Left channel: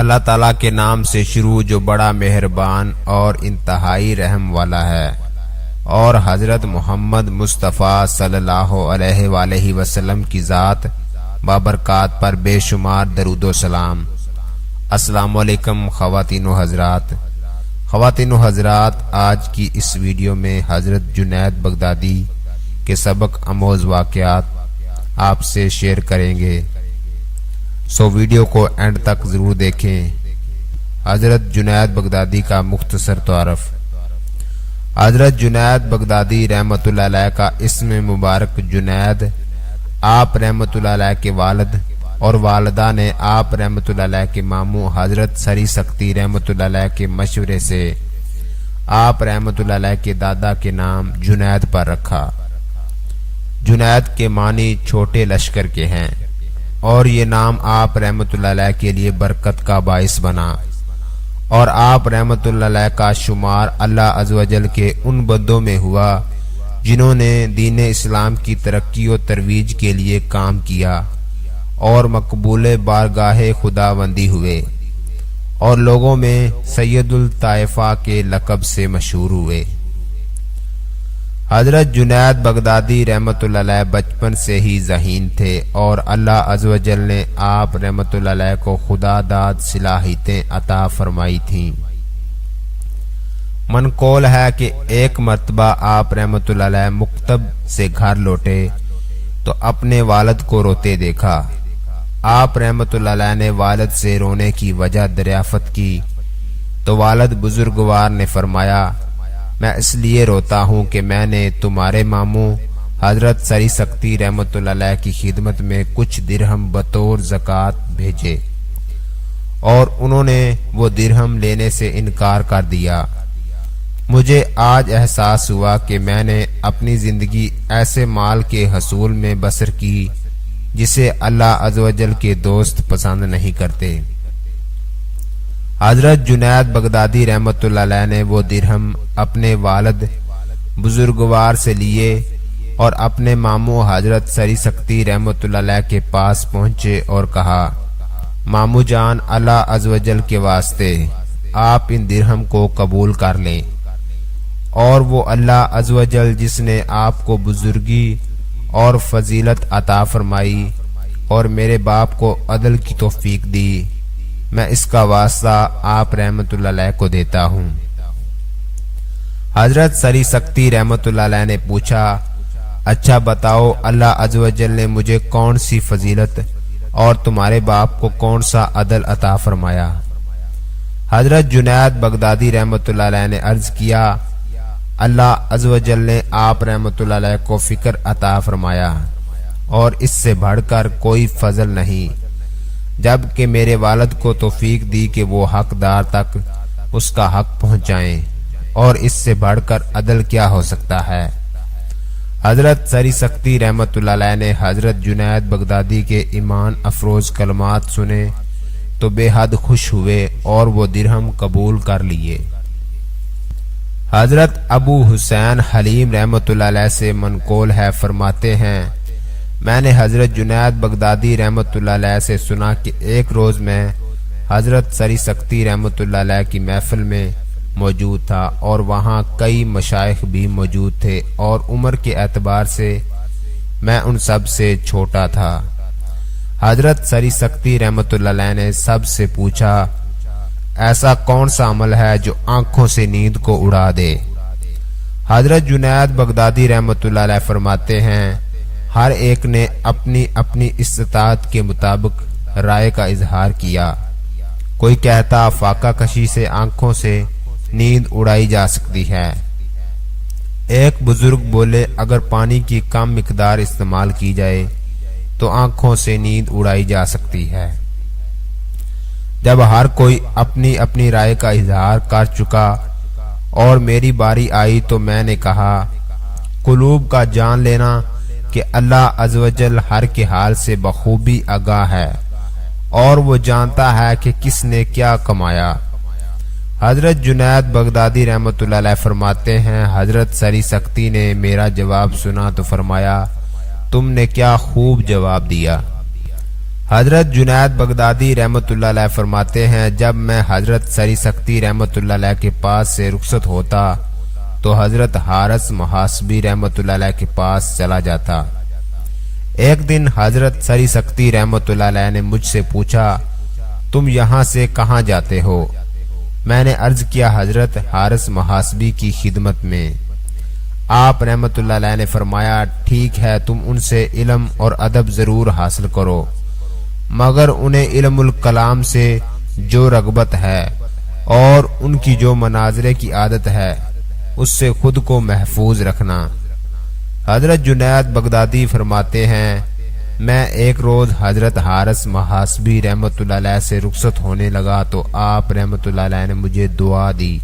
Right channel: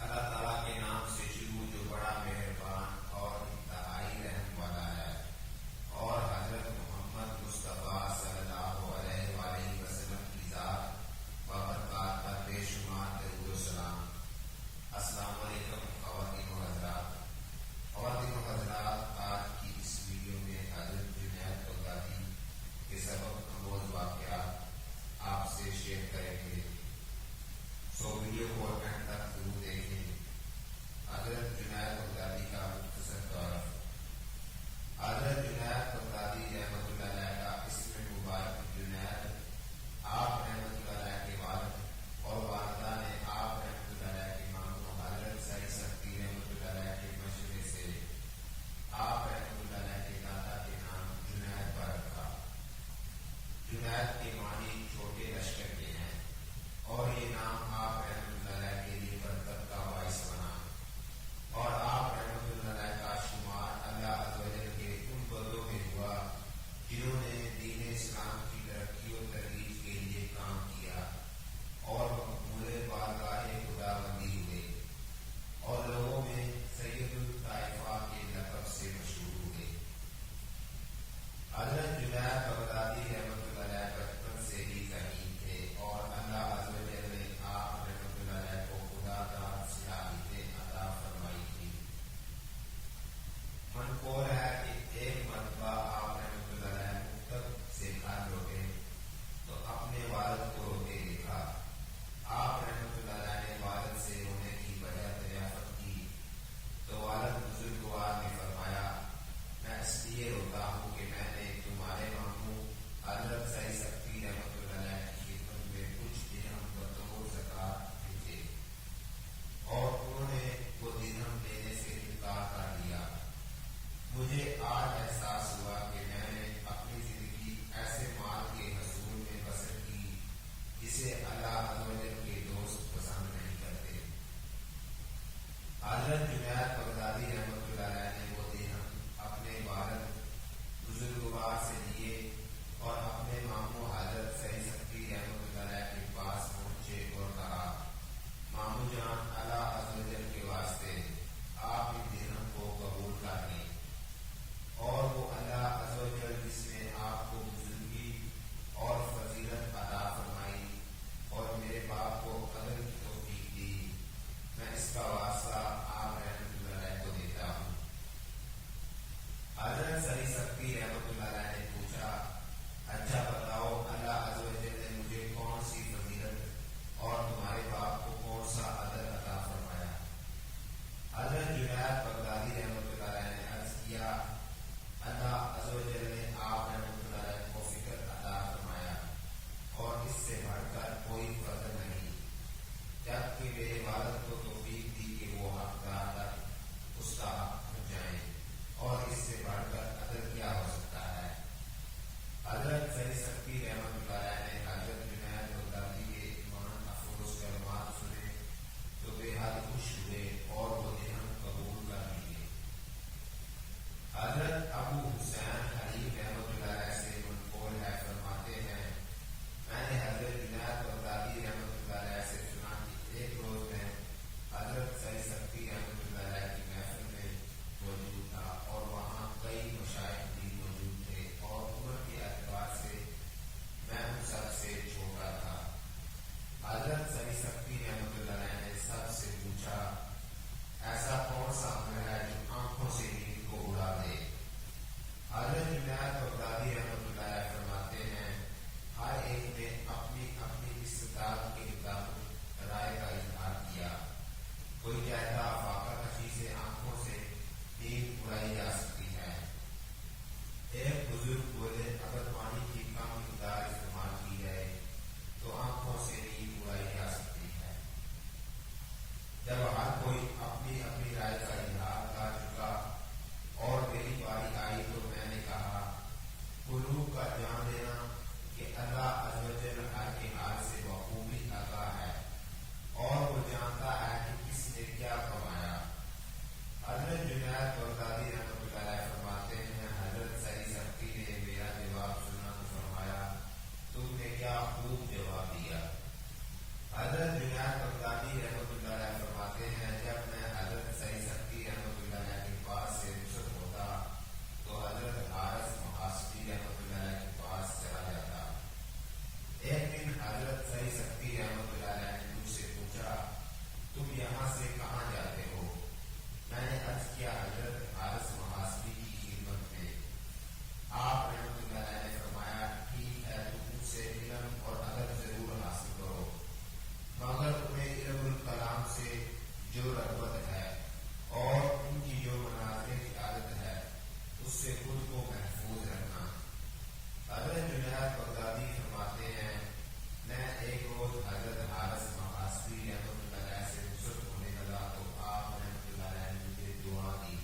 اللہ تعالیٰ کے نام سے شروع جو بڑا مہربان اور انتہائی رحم والا ہے، اور حضرت محمد مصطفیٰ صلی اللہ علیہ وآلہ وسلم کی ذات بابرکات پر بے شمار درود و سلام۔ السلام علیکم خواتین و حضرات، آج کی اس ویڈیو میں حضرت جنید بغدادی کے سبق آموز واقعات آپ سے شیئر کریں گے، سو ویڈیو کو اینڈ تک ضرور دیکھیں۔ حضرت جنید بغدادی کا مختصر تعارف۔ حضرت جنید بغدادی رحمۃ اللہ علیہ کا اسم مبارک جنید، آپ رحمۃ اللہ علیہ کے والد اور والدہ نے آپ رحمۃ اللہ علیہ کے ماموں حضرت سری سختی رحمۃ اللہ علیہ کے مشورے سے آپ رحمۃ اللہ علیہ کے دادا کے نام جنید پر رکھا۔ جنید کے معنی چھوٹے لشکر کے ہیں، اور یہ نام آپ رحمۃ اللہ علیہ کے لیے برکت کا باعث بنا، اور آپ رحمۃ اللہ علیہ کا شمار اللہ عز و جل کے ان بندوں میں ہوا جنہوں نے دین اسلام کی ترقی و ترویج کے لیے کام کیا اور مقبول بارگاہ خداوندی ہوئے، اور لوگوں میں سید الطائفہ کے لقب سے مشہور ہوئے۔ حضرت جنید بغدادی رحمۃ اللہ علیہ بچپن سے ہی ذہین تھے، اور اللہ عز و جل نے آپ رحمۃ اللہ علیہ کو خدا داد صلاحیتیں عطا فرمائی تھیں۔ منقول ہے کہ ایک مرتبہ آپ رحمۃ اللہ علیہ مکتب سے گھر لوٹے تو اپنے والد کو روتے دیکھا۔ آپ رحمۃ اللہ علیہ نے والد سے رونے کی وجہ دریافت کی تو والد بزرگوار نے فرمایا، میں اس لیے روتا ہوں کہ میں نے تمہارے ماموں حضرت سری سختی رحمۃ اللہ علیہ کی خدمت میں کچھ درہم بطور زکوٰۃ بھیجے، اور انہوں نے وہ درہم لینے سے انکار کر دیا۔ مجھے آج احساس ہوا کہ میں نے اپنی زندگی ایسے مال کے حصول میں بسر کی جسے اللہ عز و جل کے دوست پسند نہیں کرتے۔ حضرت جنید بغدادی رحمۃ اللہ علیہ نے وہ درہم اپنے والد بزرگوار سے لیے اور اپنے ماموں حضرت سری سختی رحمۃ اللہ علیہ کے پاس پہنچے اور کہا، ماموں جان، اللہ عز و جل کے واسطے آپ ان درہم کو قبول کر لیں، اور وہ اللہ عز و جل جس نے آپ کو بزرگی اور فضیلت عطا فرمائی اور میرے باپ کو عدل کی توفیق دی، میں اس کا واسطہ آپ رحمۃ اللہ علیہ کو دیتا ہوں۔ حضرت سری سختی رحمۃ اللہ علیہ نے پوچھا، اچھا بتاؤ، اللہ عز و جل نے مجھے کون سی فضیلت اور تمہارے باپ کو کون سا عدل عطا فرمایا؟ حضرت جنید بغدادی رحمۃ اللہ علیہ نے عرض کیا، اللہ عز و جل نے آپ رحمۃ اللہ علیہ کو فکر عطا فرمایا، اور اس سے بڑھ کر کوئی فضل نہیں، جب کہ میرے والد کو توفیق دی کہ وہ حقدار تک اس کا حق پہنچائیں، اور اس سے بڑھ کر عدل کیا ہو سکتا ہے۔ حضرت سری سختی رحمۃ اللہ علیہ نے حضرت جنید بغدادی کے ایمان افروز کلمات سنے تو بے حد خوش ہوئے اور وہ درہم قبول کر لیے۔ حضرت ابو حسین حلیم رحمۃ اللہ علیہ سے منقول ہے، فرماتے ہیں، میں نے حضرت جنید بغدادی رحمۃ اللہ علیہ سے سنا کہ ایک روز میں حضرت سری سختی رحمۃ اللہ علیہ کی محفل میں موجود تھا، اور وہاں کئی مشائخ بھی موجود تھے، اور عمر کے اعتبار سے میں ان سب سے چھوٹا تھا۔ حضرت سری سختی رحمۃ اللہ علیہ نے سب سے پوچھا، ایسا کون سا عمل ہے جو آنکھوں سے نیند کو اڑا دے؟ حضرت جنید بغدادی رحمۃ اللہ علیہ فرماتے ہیں، ہر ایک نے اپنی اپنی استطاعت کے مطابق رائے کا اظہار کیا۔ کوئی کہتا فاقہ کشی سے آنکھوں سے نیند اڑائی جا سکتی ہے۔ ایک بزرگ بولے، اگر پانی کی کم مقدار استعمال کی جائے تو آنکھوں سے نیند اڑائی جا سکتی ہے۔ جب ہر کوئی اپنی اپنی رائے کا اظہار کر چکا اور میری باری آئی تو میں نے کہا، قلوب کا جان لینا کہ اللہ عز و جل ہر کے حال سے بخوبی آگاہ ہے، اور وہ جانتا ہے کہ کس نے کیا کمایا۔ حضرت جنید بغدادی رحمۃ اللہ علیہ فرماتے ہیں، حضرت سری سختی نے میرا جواب سنا تو فرمایا، تم نے کیا خوب جواب دیا۔ حضرت جنید بغدادی رحمۃ اللہ علیہ فرماتے ہیں، جب میں حضرت سری سختی رحمۃ اللہ علیہ کے پاس سے رخصت ہوتا تو حضرت حارث محاسبی رحمۃ اللہ علیہ کے پاس چلا جاتا۔ ایک دن حضرت سری سختی رحمۃ اللہ علیہ نے مجھ سے پوچھا، تم یہاں سے کہاں جاتے ہو؟ میں نے عرض کیا، حضرت حارث محاسبی کی خدمت میں۔ آپ رحمۃ اللہ علیہ نے فرمایا، ٹھیک ہے، تم ان سے علم اور ادب ضرور حاصل کرو، مگر انہیں علم الکلام سے جو رغبت ہے اور ان کی جو مناظرے کی عادت ہے اس سے خود کو محفوظ رکھنا۔ حضرت جنید بغدادی فرماتے ہیں، میں ایک روز حضرت حارث محاسبی رحمۃ اللہ علیہ سے رخصت ہونے لگا تو آپ رحمۃ اللہ علیہ نے مجھے دعا دی،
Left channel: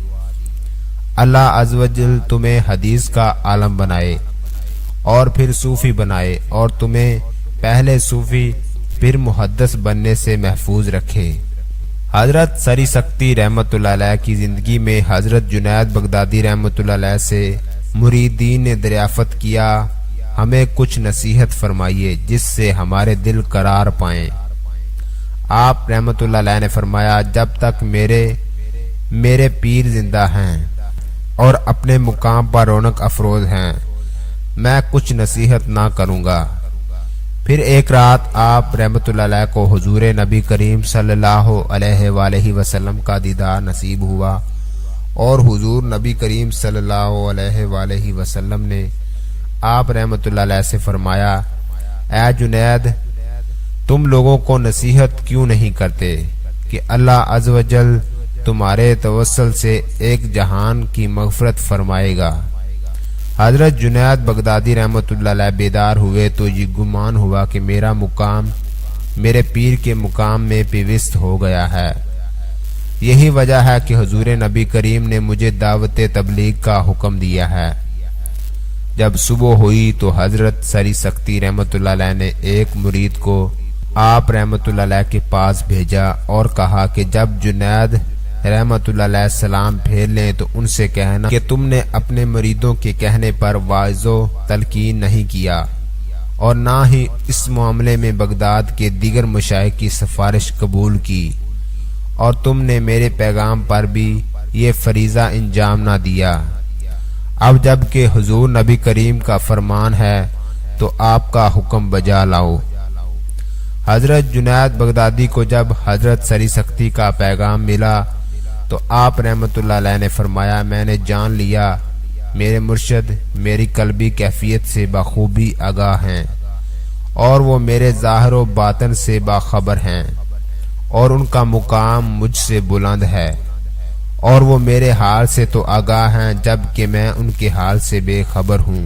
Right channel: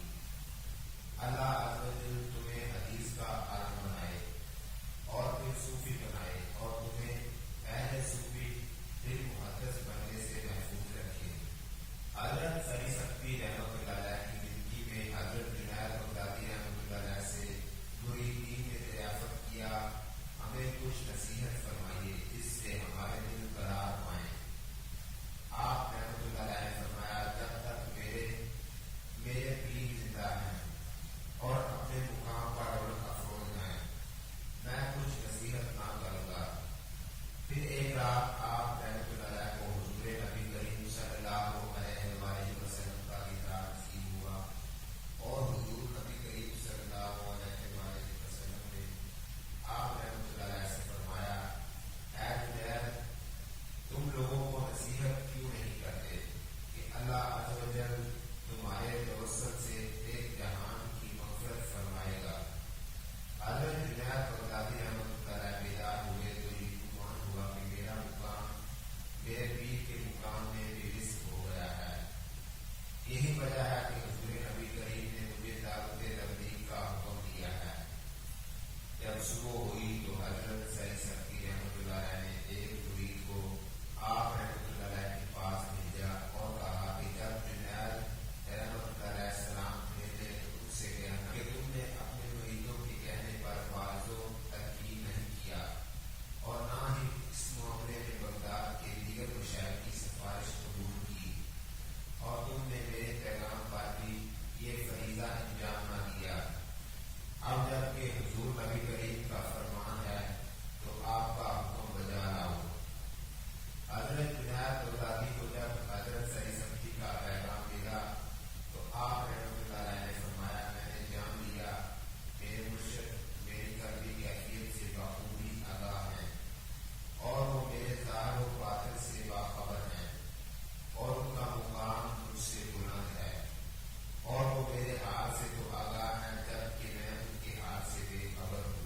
اللہ عز و جل تمہیں حدیث کا عالم بنائے اور پھر صوفی بنائے، اور تمہیں پہلے صوفی پھر محدث بننے سے محفوظ رکھے۔ حضرت سری سختی رحمۃ اللہ علیہ کی زندگی میں حضرت جنید بغدادی رحمۃ اللہ علیہ سے مریدین نے دریافت کیا، ہمیں کچھ نصیحت فرمائیے جس سے ہمارے دل قرار پائیں۔ آپ رحمۃ اللہ علیہ نے فرمایا، جب تک میرے پیر زندہ ہیں اور اپنے مقام پر رونق افروز ہیں، میں کچھ نصیحت نہ کروں گا۔ پھر ایک رات آپ رحمۃ اللہ علیہ کو حضور نبی کریم صلی اللہ علیہ وآلہ وسلم کا دیدار نصیب ہوا، اور حضور نبی کریم صلی اللہ علیہ وآلہ وسلم نے آپ رحمۃ اللہ علیہ سے فرمایا، اے جنید، تم لوگوں کو نصیحت کیوں نہیں کرتے کہ اللہ عز و جل تمہارے توسل سے ایک جہان کی مغفرت فرمائے گا۔ حضرت جنید بغدادی رحمۃ اللہ علیہ بیدار ہوئے تو یہ گمان ہوا کہ میرا مقام میرے پیر کے مقام میں پیوست ہو گیا ہے۔ یہی وجہ ہے کہ حضور نبی کریم نے مجھے دعوت تبلیغ کا حکم دیا ہے۔ جب صبح ہوئی تو حضرت سری سختی رحمۃ اللہ علیہ نے ایک مرید کو آپ رحمۃ اللہ علیہ کے پاس بھیجا اور کہا کہ جب جنید رحمۃ اللہ علیہ السلام پھیر لیں تو ان سے کہنا کہ تم نے اپنے مریدوں کے کہنے پر واعظ و تلقین نہیں کیا، اور نہ ہی اس معاملے میں بغداد کے دیگر مشائخ کی سفارش قبول کی، اور تم نے میرے پیغام پر بھی یہ فریضہ انجام نہ دیا۔ اب جب کہ حضور نبی کریم کا فرمان ہے تو آپ کا حکم بجا لاؤ۔ حضرت جنید بغدادی کو جب حضرت سری سختی کا پیغام ملا تو آپ رحمۃ اللہ علیہ نے فرمایا، میں نے جان لیا میرے مرشد میری قلبی کیفیت سے بخوبی آگاہ ہیں، اور وہ میرے ظاہر و باطن سے باخبر ہیں، اور ان کا مقام مجھ سے بلند ہے، اور وہ میرے حال سے تو آگاہ ہیں جبکہ میں ان کے حال سے بے خبر ہوں۔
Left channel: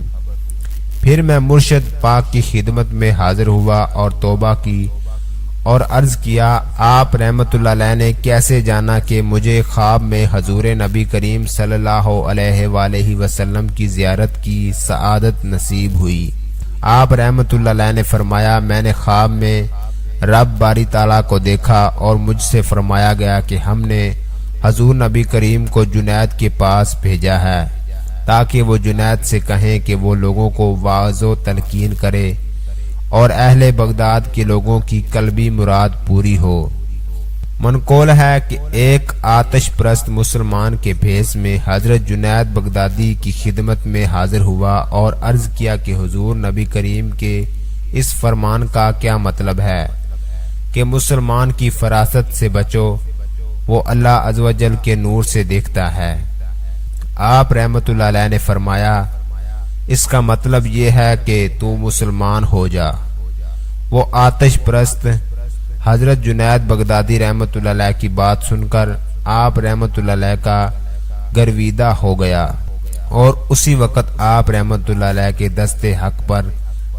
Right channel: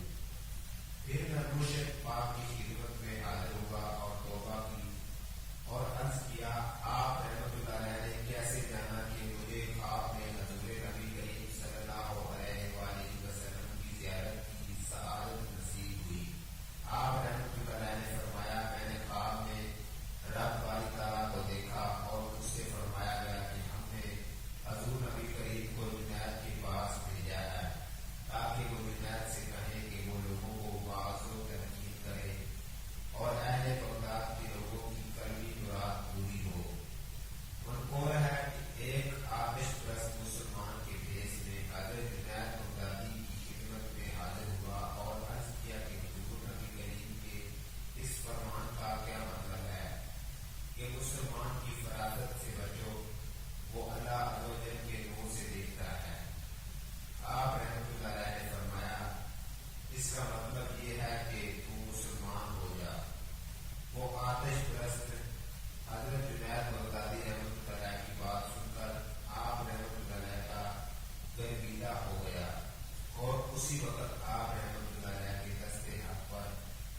پھر میں مرشد پاک کی خدمت میں حاضر ہوا اور توبہ کی اور عرض کیا، آپ رحمۃ اللہ علیہ نے کیسے جانا کہ مجھے خواب میں حضور نبی کریم صلی اللہ علیہ وآلہ وسلم کی زیارت کی سعادت نصیب ہوئی؟ آپ رحمۃ اللہ علیہ نے فرمایا، میں نے خواب میں رب باری تعالیٰ کو دیکھا اور مجھ سے فرمایا گیا کہ ہم نے حضور نبی کریم کو جنید کے پاس بھیجا ہے تاکہ وہ جنید سے کہیں کہ وہ لوگوں کو واعظ و تلقین کرے اور اہل بغداد کے لوگوں کی قلبی مراد پوری ہو۔ منقول ہے کہ ایک آتش پرست مسلمان کے بھیس میں حضرت جنید بغدادی کی خدمت میں حاضر ہوا اور عرض کیا کہ حضور نبی کریم کے اس فرمان کا کیا مطلب ہے کہ مسلمان کی فراست سے بچو، وہ اللہ عز و جل کے نور سے دیکھتا ہے۔ آپ رحمۃ اللہ علیہ نے فرمایا، اس کا مطلب یہ ہے کہ تو مسلمان ہو جا۔ وہ آتش پرست حضرت جنید بغدادی رحمۃ اللہ علیہ کی بات سن کر آپ رحمۃ اللہ علیہ کا گرویدہ ہو گیا، اور اسی وقت آپ رحمۃ اللہ علیہ کے دست حق پر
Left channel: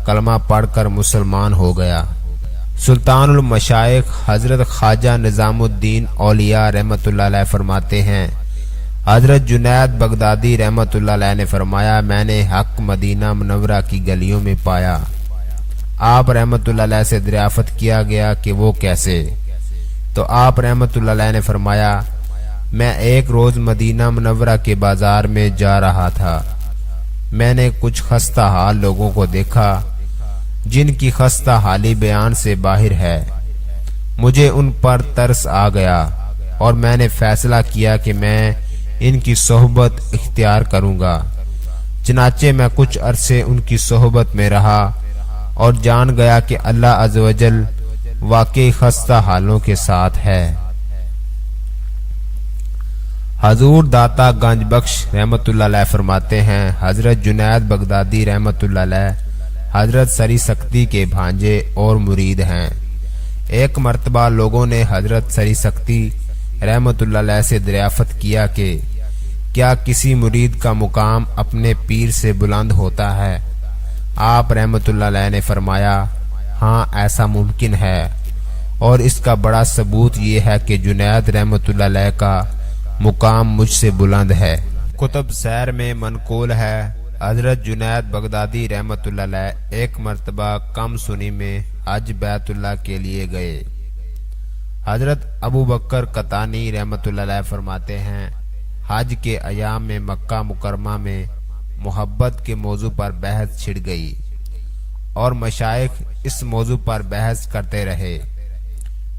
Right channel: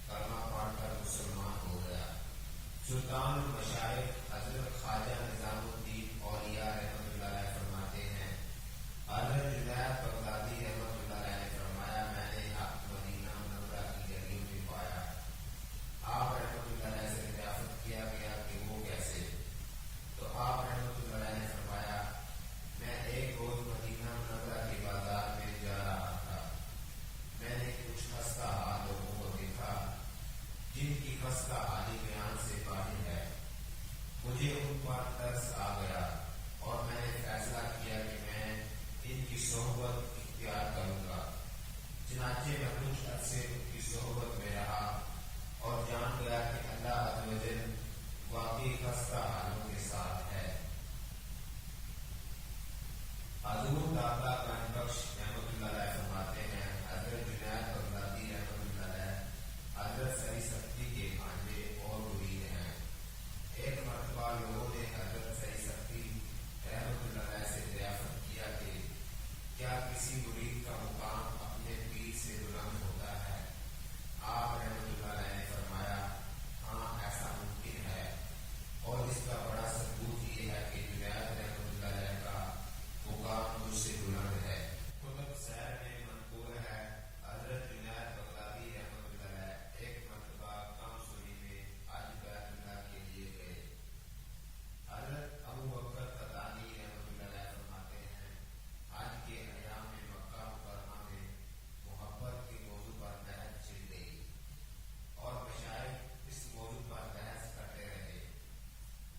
کلمہ پڑھ کر مسلمان ہو گیا۔ سلطان المشائخ حضرت خواجہ نظام الدین اولیاء رحمۃ اللہ علیہ فرماتے ہیں، حضرت جنید بغدادی رحمۃ اللہ علیہ نے فرمایا، میں نے حق مدینہ منورہ کی گلیوں میں پایا۔ آپ رحمۃ اللہ علیہ سے دریافت کیا گیا کہ وہ کیسے؟ تو آپ رحمۃ اللہ علیہ نے فرمایا، میں ایک روز مدینہ منورہ کے بازار میں جا رہا تھا، میں نے کچھ خستہ حال لوگوں کو دیکھا جن کی خستہ حالی بیان سے باہر ہے۔ مجھے ان پر ترس آ گیا اور میں نے فیصلہ کیا کہ میں ان کی صحبت اختیار کروں گا۔ چنانچہ میں کچھ عرصے ان کی صحبت میں رہا اور جان گیا کہ اللہ عز و جل واقعی خستہ حالوں کے ساتھ ہے۔ حضور داتا گنج بخش رحمت اللہ علیہ فرماتے ہیں، حضرت جنید بغدادی رحمت اللہ علیہ حضرت سری سکتی کے بھانجے اور مرید ہیں۔ ایک مرتبہ لوگوں نے حضرت سری سکتی رحمت اللہ علیہ سے دریافت کیا کہ کیا کسی مرید کا مقام اپنے پیر سے بلند ہوتا ہے؟ آپ رحمت اللہ علیہ نے فرمایا، ہاں ایسا ممکن ہے، اور اس کا بڑا ثبوت یہ ہے کہ جنید رحمت اللہ علیہ کا مقام مجھ سے بلند ہے۔ کتب سیر میں منقول ہے، حضرت جنید بغدادی رحمت اللہ علیہ ایک مرتبہ کم سنی میں حج بیت اللہ کے لیے گئے۔ حضرت ابو بکر قطانی رحمت اللہ علیہ فرماتے ہیں، حج کے ایام میں مکہ مکرمہ میں محبت کے موضوع پر بحث چھڑ گئی اور مشائخ اس موضوع پر بحث کرتے رہے۔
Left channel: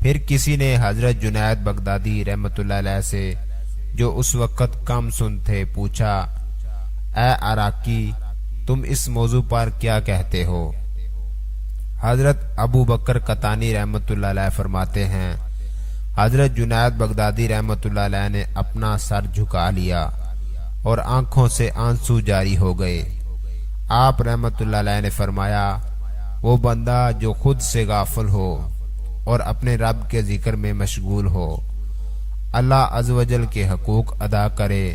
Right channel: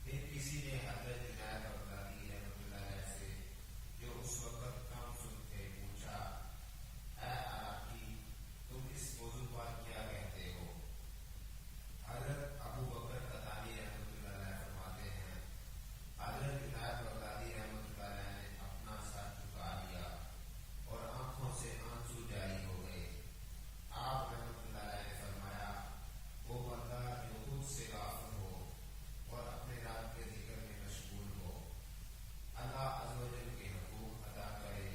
پھر کسی نے حضرت جنید بغدادی رحمت اللہ علیہ سے، جو اس وقت کم سن تھے، پوچھا، اے عراقی، تم اس موضوع پر کیا کہتے ہو؟ حضرت ابو بکر قطانی رحمت اللہ علیہ فرماتے ہیں، حضرت جنید بغدادی رحمت اللہ علیہ نے اپنا سر جھکا لیا اور آنکھوں سے آنسو جاری ہو گئے۔ آپ رحمت اللہ علیہ نے فرمایا، وہ بندہ جو خود سے غافل ہو اور اپنے رب کے ذکر میں مشغول ہو، اللہ عز و جل کے حقوق ادا کرے،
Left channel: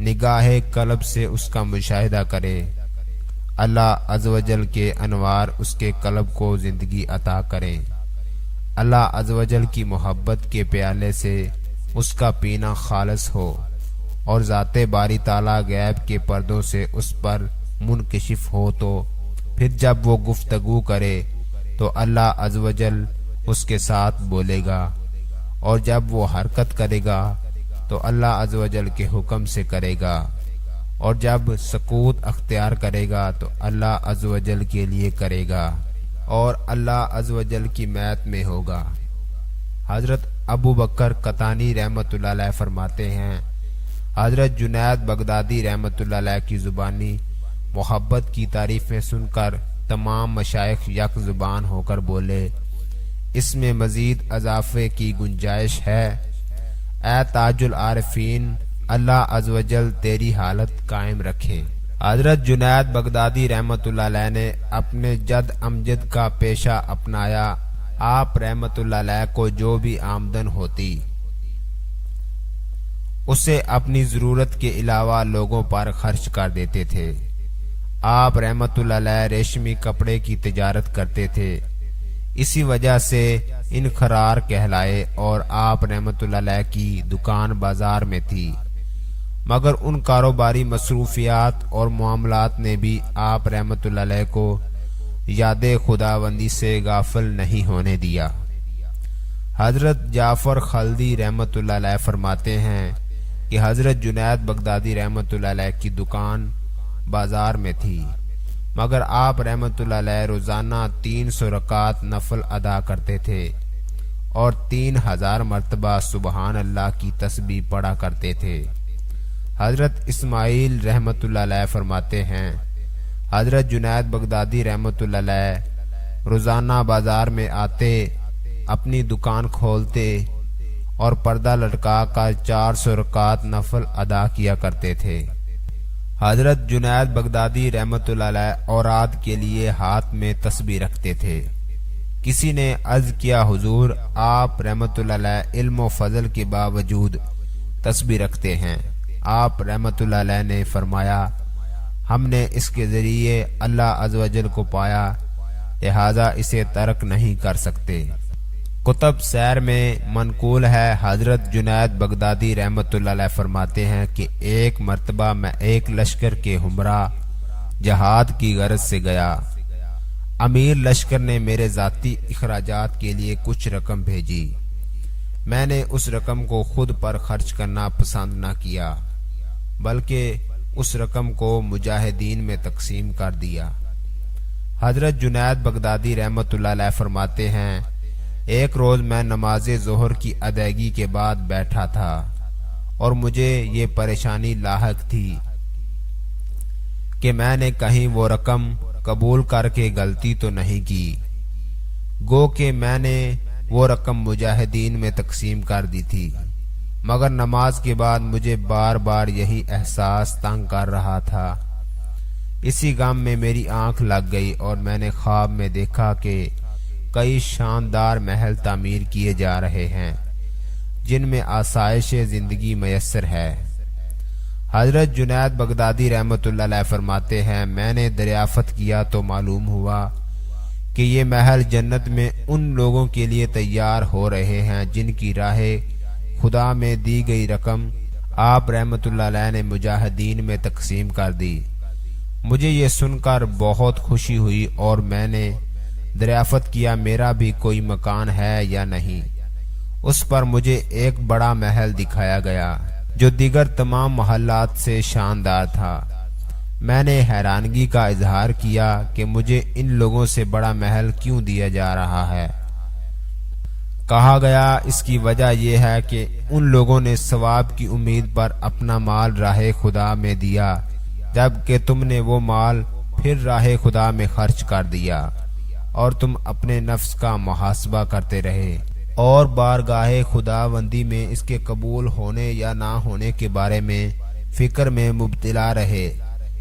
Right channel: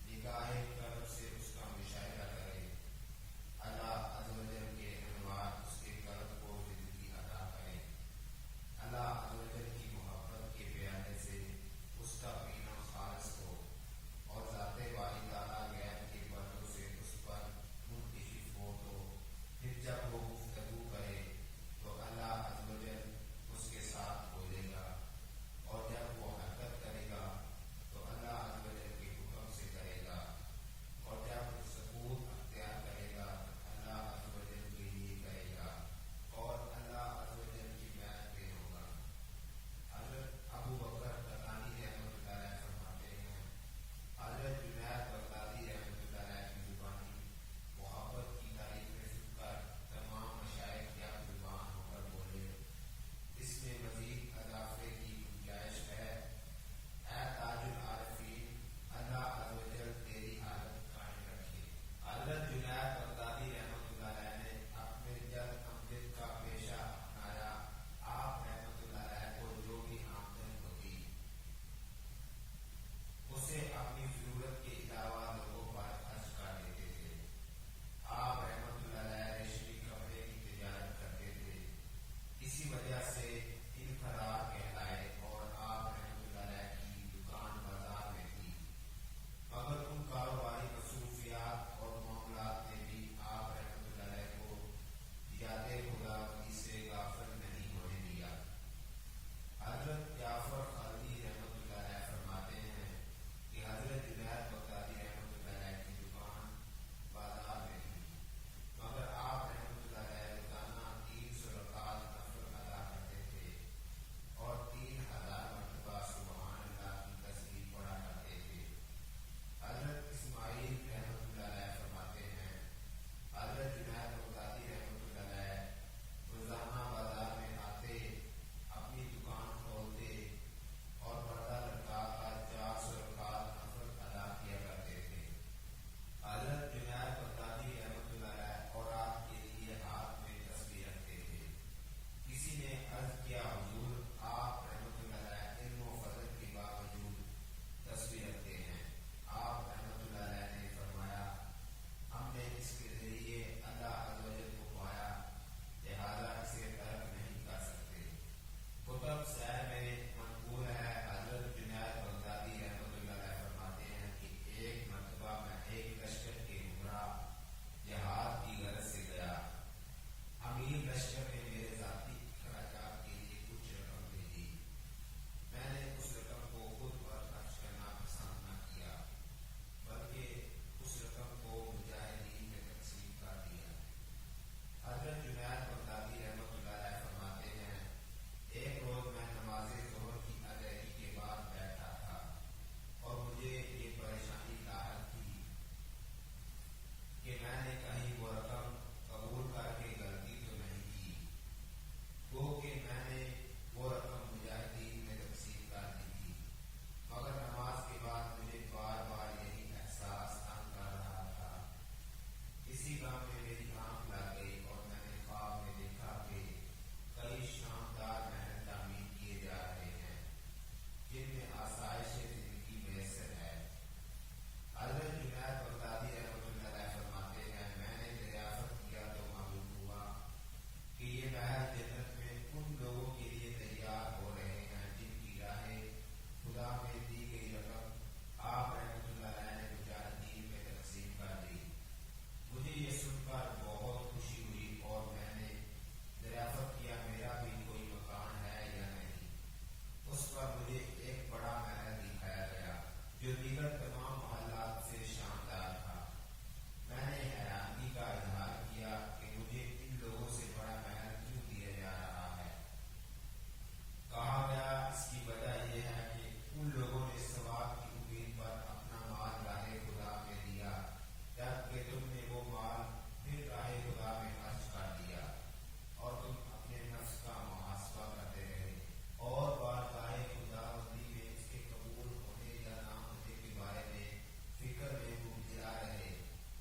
نگاہ قلب سے اس کا مشاہدہ کرے، اللہ عز و جل کے انوار اس کے قلب کو زندگی عطا کریں، اللہ عز و جل کی محبت کے پیالے سے اس کا پینا خالص ہو اور ذات باری تعالیٰ غیب کے پردوں سے اس پر منکشف ہو، تو پھر جب وہ گفتگو کرے تو اللہ عز و جل اس کے ساتھ بولے گا، اور جب وہ حرکت کرے گا تو اللہ عز و جل کے حکم سے کرے گا، اور جب سکوت اختیار کرے گا تو اللہ عز و جل کے لیے کرے گا اور اللہ عز و جل کی میت میں ہوگا۔ حضرت ابو بکر قطانی رحمت اللہ علیہ فرماتے ہیں، حضرت جنید بغدادی رحمت اللہ علیہ کی زبانی محبت کی تعریفیں سن کر تمام مشائخ یک زبان ہو کر بولے، اس میں مزید اضافے کی گنجائش ہے۔ اے تاج العارفین، اللہ عز و جل تیری حالت قائم رکھے۔ حضرت جنید بغدادی رحمت اللہ علیہ نے اپنے جد امجد کا پیشہ اپنایا۔ آپ رحمت اللہ علیہ کو جو بھی آمدن ہوتی اسے اپنی ضرورت کے علاوہ لوگوں پر خرچ کر دیتے تھے۔ آپ رحمت اللہ علیہ ریشمی کپڑے کی تجارت کرتے تھے، اسی وجہ سے انخرار کہلائے، اور آپ رحمت اللہ علیہ کی دکان بازار میں تھی، مگر ان کاروباری مصروفیات اور معاملات نے بھی آپ رحمت اللہ علیہ کو یاد خداوندی سے غافل نہیں ہونے دیا۔ حضرت جعفر خلدی رحمت اللہ علیہ فرماتے ہیں کہ حضرت جنید بغدادی رحمت اللہ علیہ کی دکان بازار میں تھی، مگر آپ رحمت اللہ علیہ روزانہ 300 رکعت نفل ادا کرتے تھے اور 3000 مرتبہ سبحان اللہ کی تسبیح پڑھا کرتے تھے۔ حضرت اسماعیل رحمت اللہ علیہ فرماتے ہیں، حضرت جنید بغدادی رحمت اللہ علیہ روزانہ بازار میں آتے، اپنی دکان کھولتے اور پردہ لٹکا کر 400 رکعت نفل ادا کیا کرتے تھے۔ حضرت جنید بغدادی رحمت اللہ علیہ اوراد کے لیے ہاتھ میں تسبیح رکھتے تھے۔ کسی نے عرض کیا، حضور آپ رحمت اللہ علیہ علم و فضل کے باوجود تسبیح رکھتے ہیں؟ آپ رحمت اللہ علیہ نے فرمایا، ہم نے اس کے ذریعے اللہ عز و جل کو پایا، لہذا اسے ترک نہیں کر سکتے۔ کتب سیر میں منقول ہے، حضرت جنید بغدادی رحمت اللہ علیہ فرماتے ہیں کہ ایک مرتبہ میں ایک لشکر کے ہمراہ جہاد کی غرض سے گیا۔ امیر لشکر نے میرے ذاتی اخراجات کے لیے کچھ رقم بھیجی، میں نے اس رقم کو خود پر خرچ کرنا پسند نہ کیا، بلکہ اس رقم کو مجاہدین میں تقسیم کر دیا۔ حضرت جنید بغدادی رحمت اللہ علیہ فرماتے ہیں، ایک روز میں نماز ظہر کی ادائیگی کے بعد بیٹھا تھا اور مجھے یہ پریشانی لاحق تھی کہ میں نے کہیں وہ رقم قبول کر کے غلطی تو نہیں کی، گو کہ میں نے وہ رقم مجاہدین میں تقسیم کر دی تھی، مگر نماز کے بعد مجھے بار بار یہی احساس تنگ کر رہا تھا۔ اسی غم میں میری آنکھ لگ گئی اور میں نے خواب میں دیکھا کہ کئی شاندار محل تعمیر کیے جا رہے ہیں جن میں آسائش زندگی میسر ہے۔ حضرت جنید بغدادی رحمۃ اللہ علیہ فرماتے ہیں، میں نے دریافت کیا تو معلوم ہوا کہ یہ محل جنت میں ان لوگوں کے لیے تیار ہو رہے ہیں جن کی راہ خدا میں دی گئی رقم آپ رحمۃ اللہ علیہ نے مجاہدین میں تقسیم کر دی۔ مجھے یہ سن کر بہت خوشی ہوئی اور میں نے دریافت کیا میرا بھی کوئی مکان ہے یا نہیں۔ اس پر مجھے ایک بڑا محل دکھایا گیا جو دیگر تمام محلات سے شاندار تھا۔ میں نے حیرانگی کا اظہار کیا کہ مجھے ان لوگوں سے بڑا محل کیوں دیا جا رہا ہے۔ کہا گیا اس کی وجہ یہ ہے کہ ان لوگوں نے ثواب کی امید پر اپنا مال راہ خدا میں دیا، جبکہ تم نے وہ مال پھر راہ خدا میں خرچ کر دیا اور تم اپنے نفس کا محاسبہ کرتے رہے اور بارگاہ خداوندی میں اس کے قبول ہونے یا نہ ہونے کے بارے میں فکر میں مبتلا رہے،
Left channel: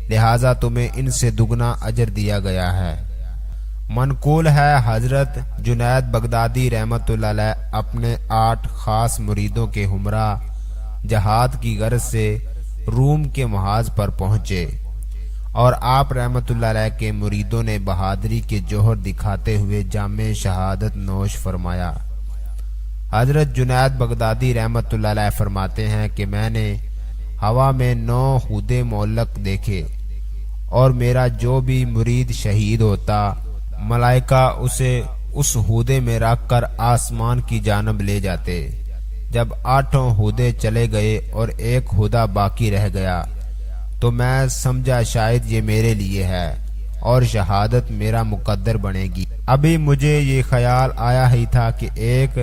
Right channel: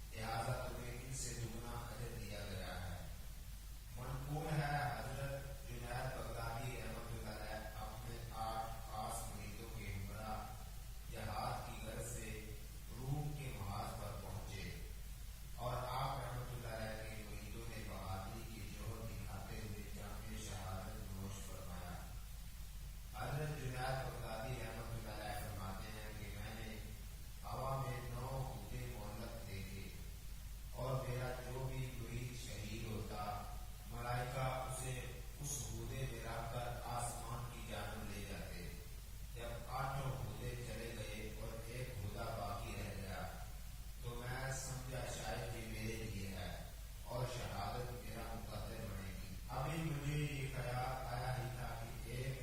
لہذا تمہیں ان سے دگنا اجر دیا گیا ہے۔ منقول ہے حضرت جنید بغدادی رحمۃ اللہ علیہ اپنے 8 خاص مریدوں کے ہمراہ جہاد کی غرض سے روم کے محاذ پر پہنچے اور آپ رحمۃ اللہ علیہ کے مریدوں نے بہادری کے جوہر دکھاتے ہوئے جام شہادت نوش فرمایا۔ حضرت جنید بغدادی رحمۃ اللہ علیہ فرماتے ہیں کہ میں نے ہوا میں 9 ہودے معلق دیکھے اور میرا جو بھی مرید شہید ہوتا ملائکہ اسے اس ہودے میں رکھ کر آسمان کی جانب لے جاتے۔ جب 8 ہودے چلے گئے اور ایک ہودہ باقی رہ گیا تو میں سمجھا شاید یہ میرے لیے ہے اور شہادت میرا مقدر بنے گی۔ ابھی مجھے یہ خیال آیا ہی تھا کہ ایک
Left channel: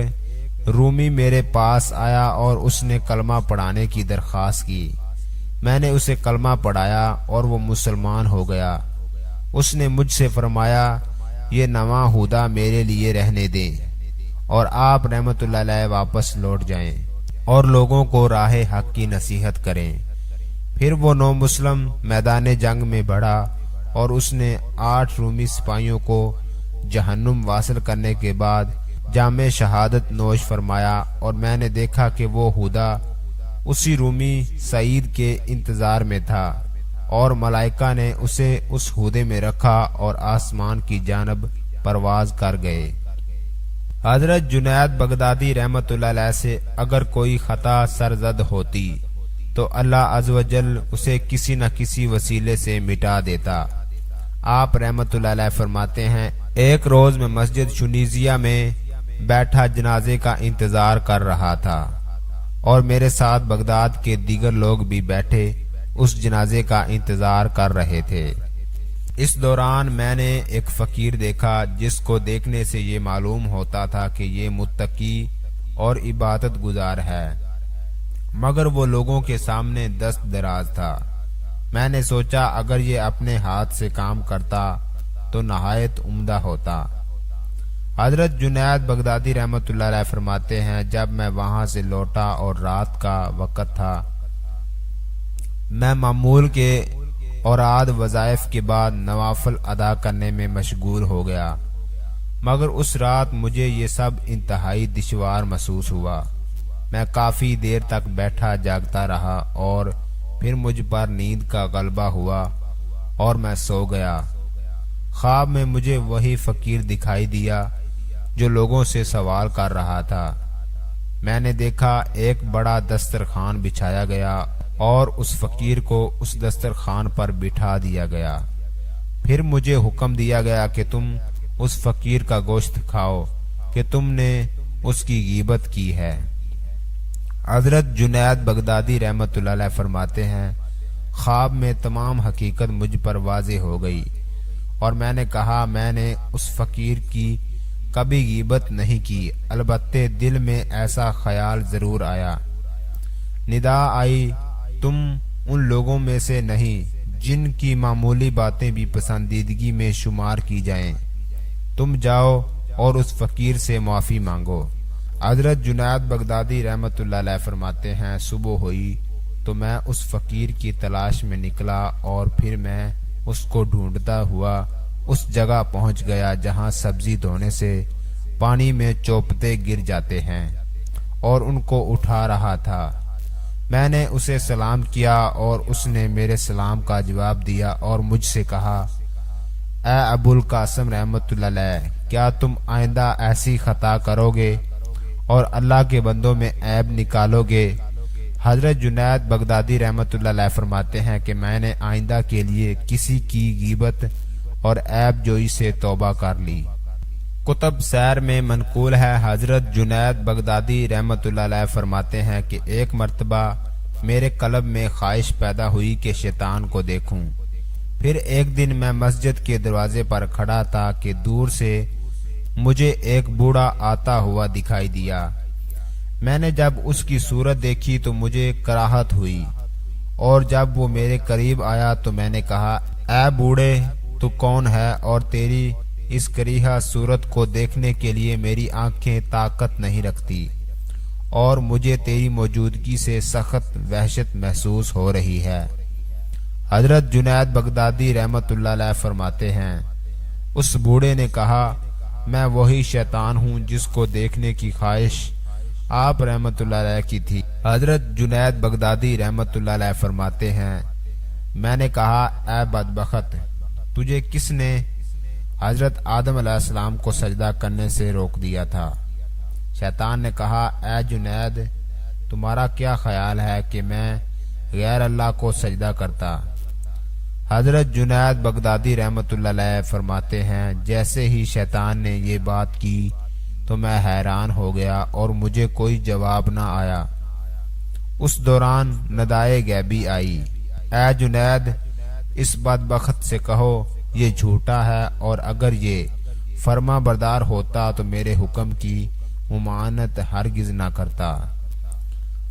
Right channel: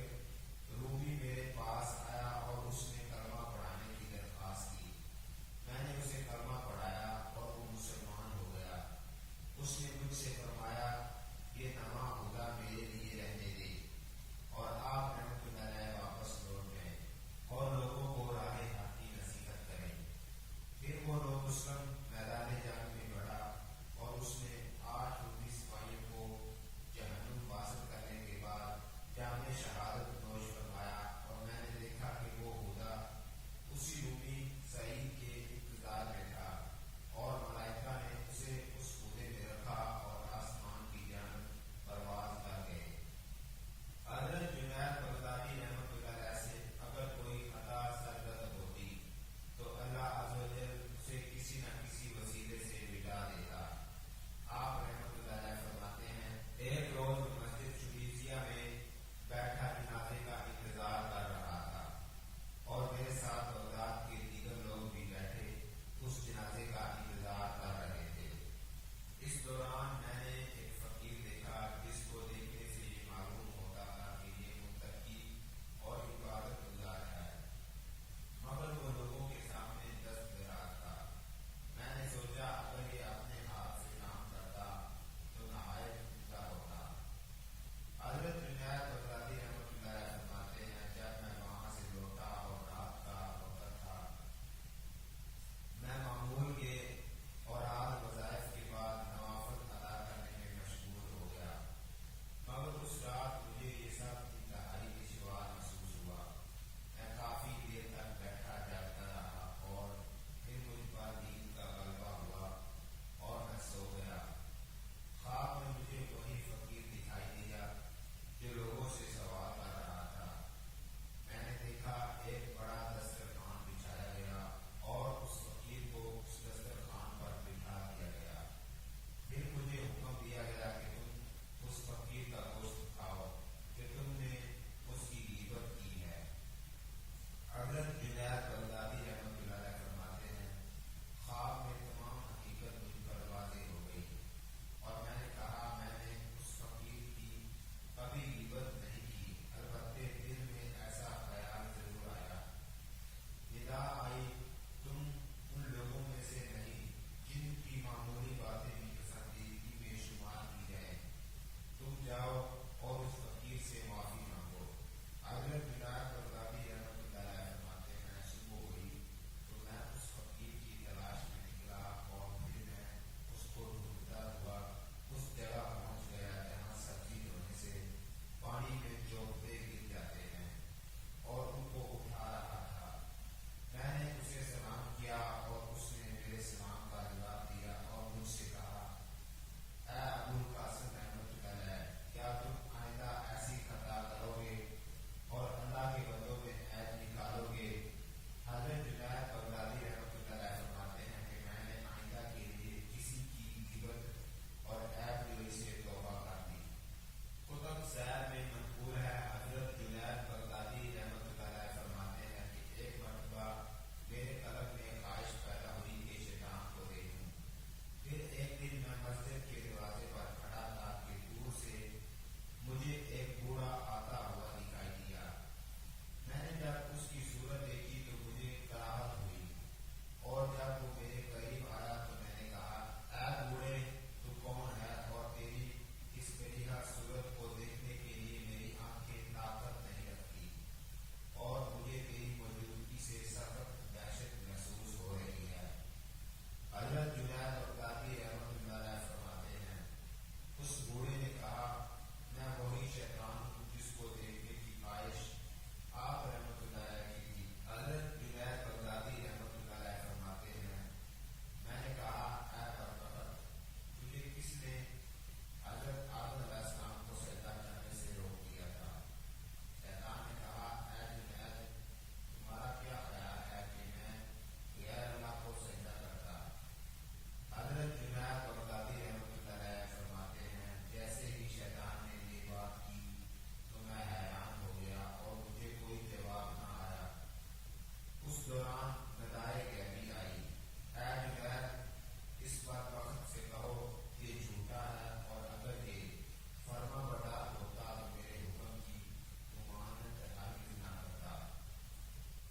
رومی میرے پاس آیا اور اس نے کلمہ پڑھانے کی درخواست کی۔ میں نے اسے کلمہ پڑھایا اور وہ مسلمان ہو گیا۔ اس نے مجھ سے فرمایا یہ نواں ہودہ میرے لیے رہنے دیں اور آپ رحمت اللہ علیہ واپس لوٹ جائیں اور لوگوں کو راہ حق کی نصیحت کریں۔ پھر وہ نو مسلم میدان جنگ میں بڑھا اور اس نے 8 رومی سپاہیوں کو جہنم واصل کرنے کے بعد جام شہادت نوش فرمایا اور میں نے دیکھا کہ وہ ہودہ اسی رومی سعید کے انتظار میں تھا اور ملائکہ نے اسے اس ہودے میں رکھا اور آسمان کی جانب پرواز کر گئے۔ حضرت جنید بغدادی رحمت اللہ علیہ سے اگر کوئی خطا سرزد ہوتی تو اللہ عز و جل اسے کسی نہ کسی وسیلے سے مٹا دیتا۔ آپ رحمت اللہ علیہ فرماتے ہیں ایک روز میں مسجد شنیزیہ میں بیٹھا جنازے کا انتظار کر رہا تھا اور میرے ساتھ بغداد کے دیگر لوگ بھی بیٹھے اس جنازے کا انتظار کر رہے تھے۔ اس دوران میں نے ایک فقیر دیکھا جس کو دیکھنے سے یہ معلوم ہوتا تھا کہ یہ متقی اور عبادت گزار ہے، مگر وہ لوگوں کے سامنے دست دراز تھا۔ میں نے سوچا اگر یہ اپنے ہاتھ سے کام کرتا تو نہایت عمدہ ہوتا۔ حضرت جنید بغدادی رحمت اللہ علیہ فرماتے ہیں جب میں وہاں سے لوٹا اور رات کا وقت تھا، میں معمول کے اوراد وظائف کے بعد نوافل ادا کرنے میں مشغول ہو گیا، مگر اس رات مجھے یہ سب انتہائی دشوار محسوس ہوا۔ میں کافی دیر تک بیٹھا جاگتا رہا اور پھر مجھ پر نیند کا غلبہ ہوا اور میں سو گیا۔ خواب میں مجھے وہی فقیر دکھائی دیا جو لوگوں سے سوال کر رہا تھا۔ میں نے دیکھا ایک بڑا دسترخوان بچھایا گیا اور اس فقیر کو اس دسترخوان پر بٹھا دیا گیا۔ پھر مجھے حکم دیا گیا کہ تم اس فقیر کا گوشت کھاؤ کہ تم نے اس کی غیبت کی ہے۔ حضرت جنید بغدادی رحمت اللہ علیہ فرماتے ہیں خواب میں تمام حقیقت مجھ پر واضح ہو گئی اور میں نے کہا میں نے اس فقیر کی کبھی غیبت نہیں کی، البتہ دل میں ایسا خیال ضرور آیا۔ ندا آئی، تم ان لوگوں میں سے نہیں جن کی معمولی باتیں بھی پسندیدگی میں شمار کی جائیں، تم جاؤ اور اس فقیر سے معافی مانگو۔ حضرت جنید بغدادی رحمۃ اللہ علیہ فرماتے ہیں، صبح ہوئی تو میں اس فقیر کی تلاش میں نکلا اور پھر میں اس کو ڈھونڈتا ہوا اس جگہ پہنچ گیا جہاں سبزی دھونے سے پانی میں چوپتے گر جاتے ہیں اور ان کو اٹھا رہا تھا۔ میں نے اسے سلام کیا اور اس نے میرے سلام کا جواب دیا اور مجھ سے کہا، اے ابو القاسم رحمۃ اللہ علیہ، کیا تم آئندہ ایسی خطا کرو گے اور اللہ کے بندوں میں عیب نکالو گے؟ حضرت جنید بغدادی رحمۃ اللہ علیہ فرماتے ہیں کہ میں نے آئندہ کے لیے کسی کی غیبت اور عیب جوئی سے توبہ کر لی۔ کتب سیر میں منقول ہے، حضرت جنید بغدادی رحمۃ اللہ علیہ فرماتے ہیں کہ ایک مرتبہ میرے قلب میں خواہش پیدا ہوئی کہ شیطان کو دیکھوں۔ پھر ایک دن میں مسجد کے دروازے پر کھڑا تھا کہ دور سے مجھے ایک بوڑھا آتا ہوا دکھائی دیا۔ میں نے جب اس کی صورت دیکھی تو مجھے کراہت ہوئی، اور جب وہ میرے قریب آیا تو میں نے کہا، اے بوڑھے، تو کون ہے اور تیری اس کریہہ صورت کو دیکھنے کے لیے میری آنکھیں طاقت نہیں رکھتی اور مجھے تیری موجودگی سے سخت وحشت محسوس ہو رہی ہے۔ حضرت جنید بغدادی رحمۃ اللہ علیہ فرماتے ہیں، اس بوڑھے نے کہا، میں وہی شیطان ہوں جس کو دیکھنے کی خواہش آپ رحمۃ اللہ علیہ کی تھی۔ حضرت جنید بغدادی رحمۃ اللہ علیہ فرماتے ہیں، میں نے کہا، اے بدبخت، تجھے کس نے حضرت آدم علیہ السلام کو سجدہ کرنے سے روک دیا تھا؟ شیطان نے کہا، اے جنید، تمہارا کیا خیال ہے کہ میں غیر اللہ کو سجدہ کرتا؟ حضرت جنید بغدادی رحمۃ اللہ علیہ فرماتے ہیں، جیسے ہی شیطان نے یہ بات کی تو میں حیران ہو گیا اور مجھے کوئی جواب نہ آیا۔ اس دوران ندائے غیبی آئی، اے جنید، اس بدبخت سے کہو یہ جھوٹا ہے، اور اگر یہ فرما بردار ہوتا تو میرے حکم کی ممانعت ہرگز نہ کرتا۔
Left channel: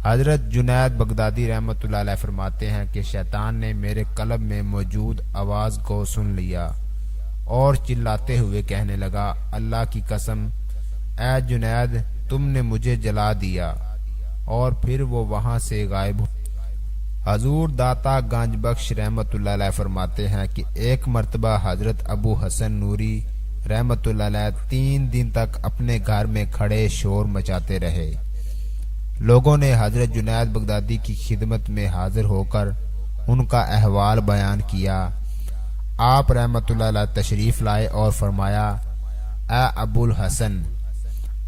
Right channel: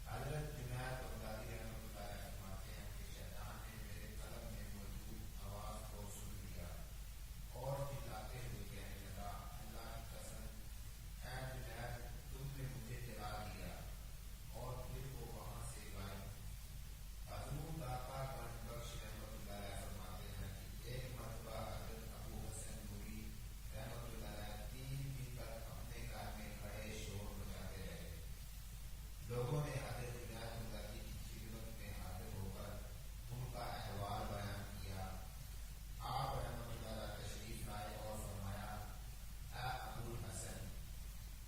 حضرت جنید بغدادی رحمۃ اللہ علیہ فرماتے ہیں کہ شیطان نے میرے قلب میں موجود آواز کو سن لیا اور چلاتے ہوئے کہنے لگا، اللہ کی قسم، اے جنید، تم نے مجھے جلا دیا، اور پھر وہ وہاں سے غائب ہو۔ حضور داتا گنج بخش رحمۃ اللہ علیہ فرماتے ہیں کہ ایک مرتبہ حضرت ابو حسن نوری رحمۃ اللہ علیہ 3 دن تک اپنے گھر میں کھڑے شور مچاتے رہے۔ لوگوں نے حضرت جنید بغدادی کی خدمت میں حاضر ہو کر ان کا احوال بیان کیا۔ آپ رحمۃ اللہ علیہ تشریف لائے اور فرمایا، اے ابو الحسن،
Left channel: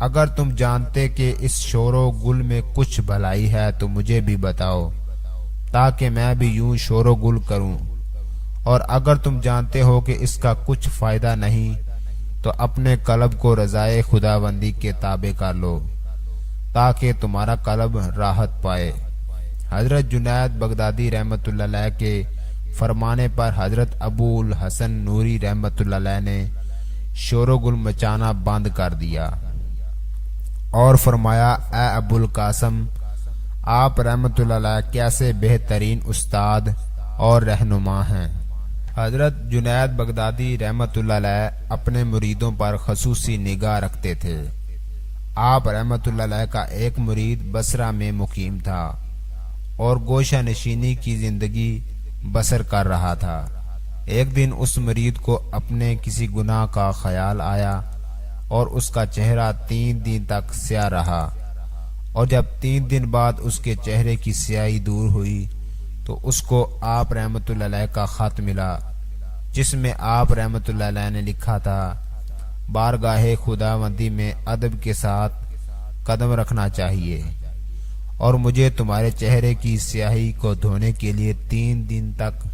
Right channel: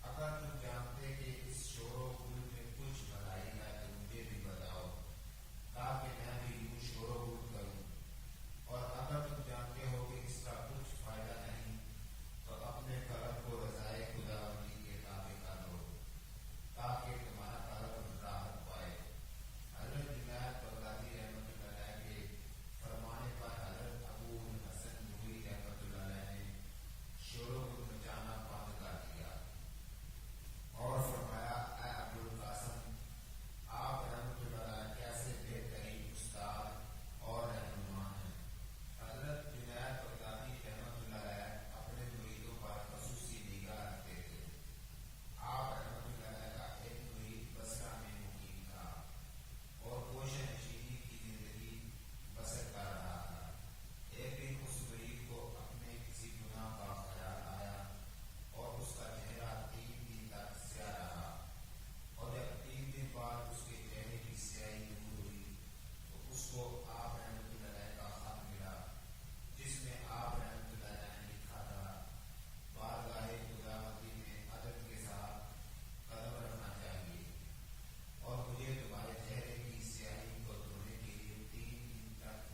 اگر تم جانتے کہ اس شور و گل میں کچھ بھلائی ہے تو مجھے بھی بتاؤ، تاکہ میں بھی یوں شور و گل کروں، اور اگر تم جانتے ہو کہ اس کا کچھ فائدہ نہیں تو اپنے قلب کو رضائے خداوندی کے تابع کر لو، تاکہ تمہارا قلب راحت پائے۔ حضرت جنید بغدادی رحمۃ اللہ علیہ کے فرمانے پر حضرت ابو الحسن نوری رحمۃ اللہ علیہ نے شور و گل مچانا بند کر دیا اور فرمایا، اے ابو القاسم، آپ رحمۃ اللہ علیہ کیسے بہترین استاد اور رہنما ہیں۔ حضرت جنید بغدادی رحمۃ اللہ علیہ اپنے مریدوں پر خصوصی نگاہ رکھتے تھے۔ آپ رحمۃ اللہ علیہ کا ایک مرید بصرہ میں مقیم تھا اور گوشہ نشینی کی زندگی بسر کر رہا تھا۔ ایک دن اس مرید کو اپنے کسی گناہ کا خیال آیا اور اس کا چہرہ 3 دن تک سیاہ رہا، اور جب 3 دن بعد اس کے چہرے کی سیاہی دور ہوئی تو اس کو آپ رحمۃ اللہ علیہ کا خط ملا، جس میں آپ رحمۃ اللہ علیہ نے لکھا تھا، بارگاہ خداوندی میں ادب کے ساتھ قدم رکھنا چاہیے، اور مجھے تمہارے چہرے کی سیاہی کو دھونے کے لیے 3 دن تک